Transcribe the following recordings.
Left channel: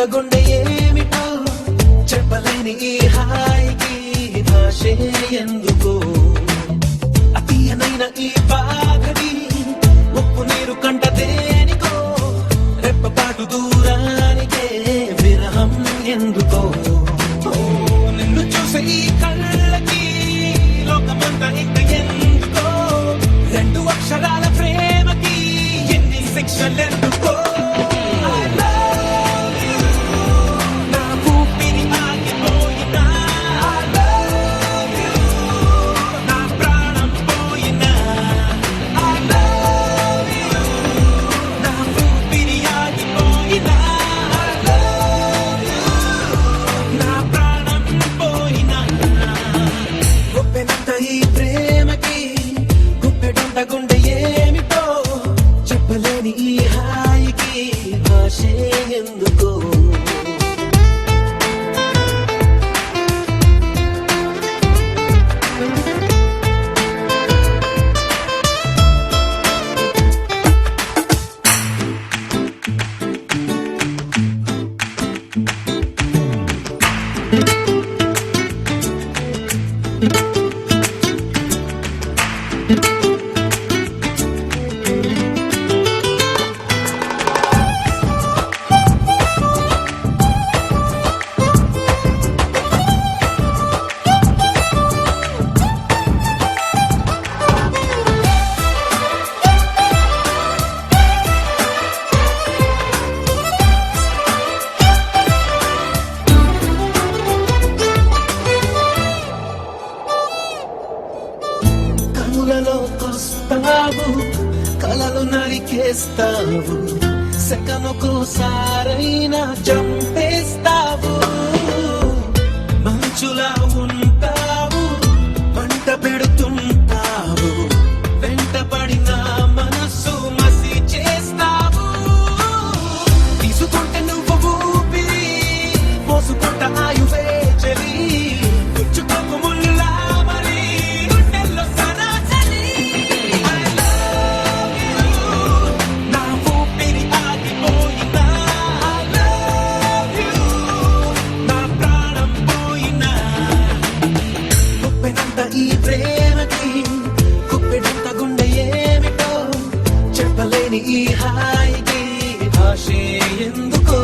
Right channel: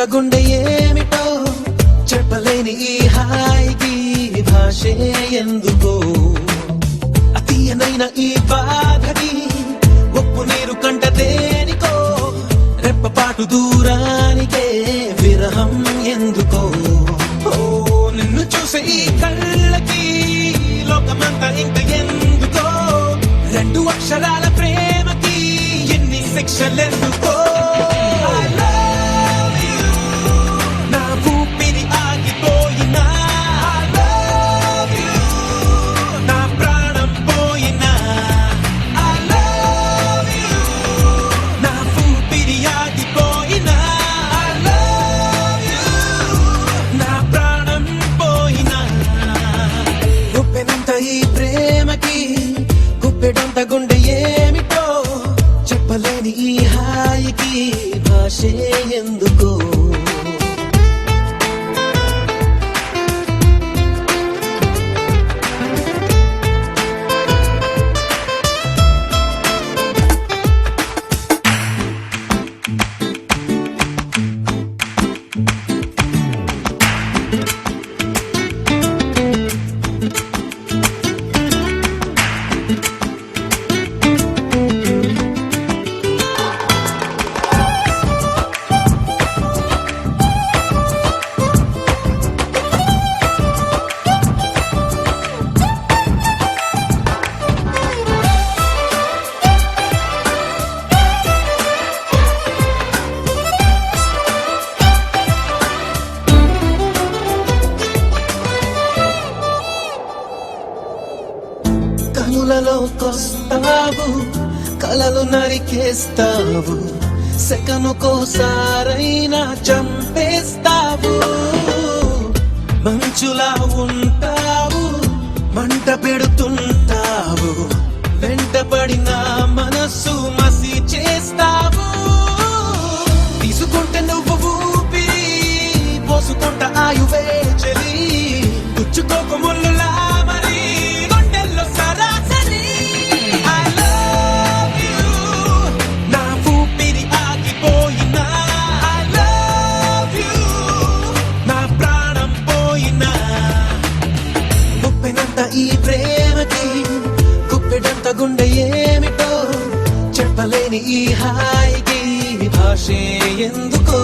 గుప్పెడంత గుండె ఏమిటో చెప్పలేని ఈ హాయికి భాషే ఎందుకో అతీయనైన ఈ బాధకి ఉప్పు నీరు కంట దేనికో రెప్పపాటు దూరానికే విరహం ఎందుకో నిన్ను చూసే ఈ కళ్ళకి లోకమంతా ఇంక ఎందుకో రెండు అక్షరాల ప్రేమకి ఎన్ని శిక్షలెందుకో ఈ ప్రేమకి గుప్పెడంత గుండె ఏమిటో చెప్పలేని ఈ హాయికి భాషే ఎందుకో కనులలోకొస్తావు కలలు నరికేస్తావు సెకనుకోసారైనా చంపేస్తావు మంచులా ఉంటావు మంట పెడుతుంటావు వెంటపడిన మనస్సు మసి చేస్తావు తీసుకుంటే నువ్వు ఊపిరి పోసుకుంట ఆయువే చెలి పుచ్చుకోకు ముళ్ళులా ఈ ప్రేమకి గుప్పెడంత గుండె ఏమిటో చెప్పలేని ఈ హాయికి భాషే ఎందుకో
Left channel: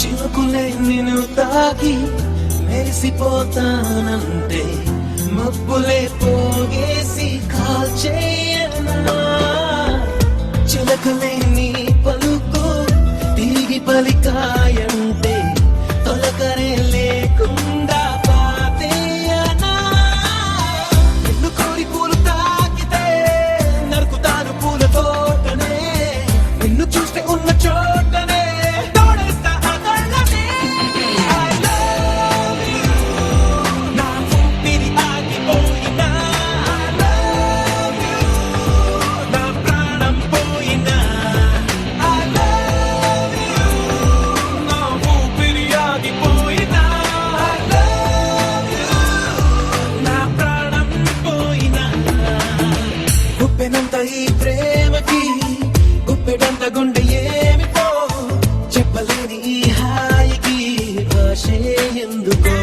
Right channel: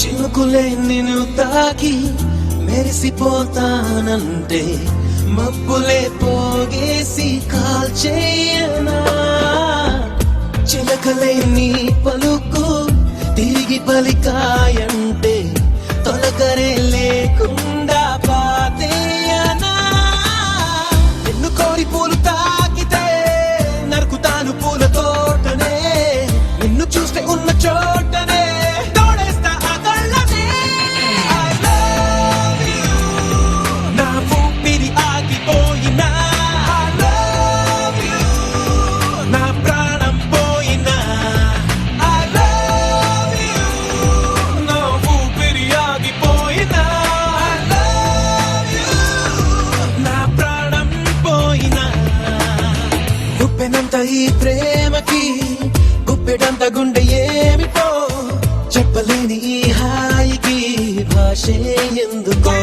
చినుకులే నిన్ను తాకి మెరిసిపోతానంటే మబ్బులే పోగేసి కాల్చేయనా చిలకలే నీ పలుకు తిరిగి పలికాయంటే తొలకరే లేకుండా పాతేయనా నిన్ను కోరి పూలు తాకితే నరుకుతాను పూల తోటనే నిన్ను చూస్తే ఉన్న చోటనే గుప్పెనంత ఈ ప్రేమకి గుప్పెడంత గుండె ఏమిటో చెప్పలేని ఈ హాయికి భాషే ఎందుకో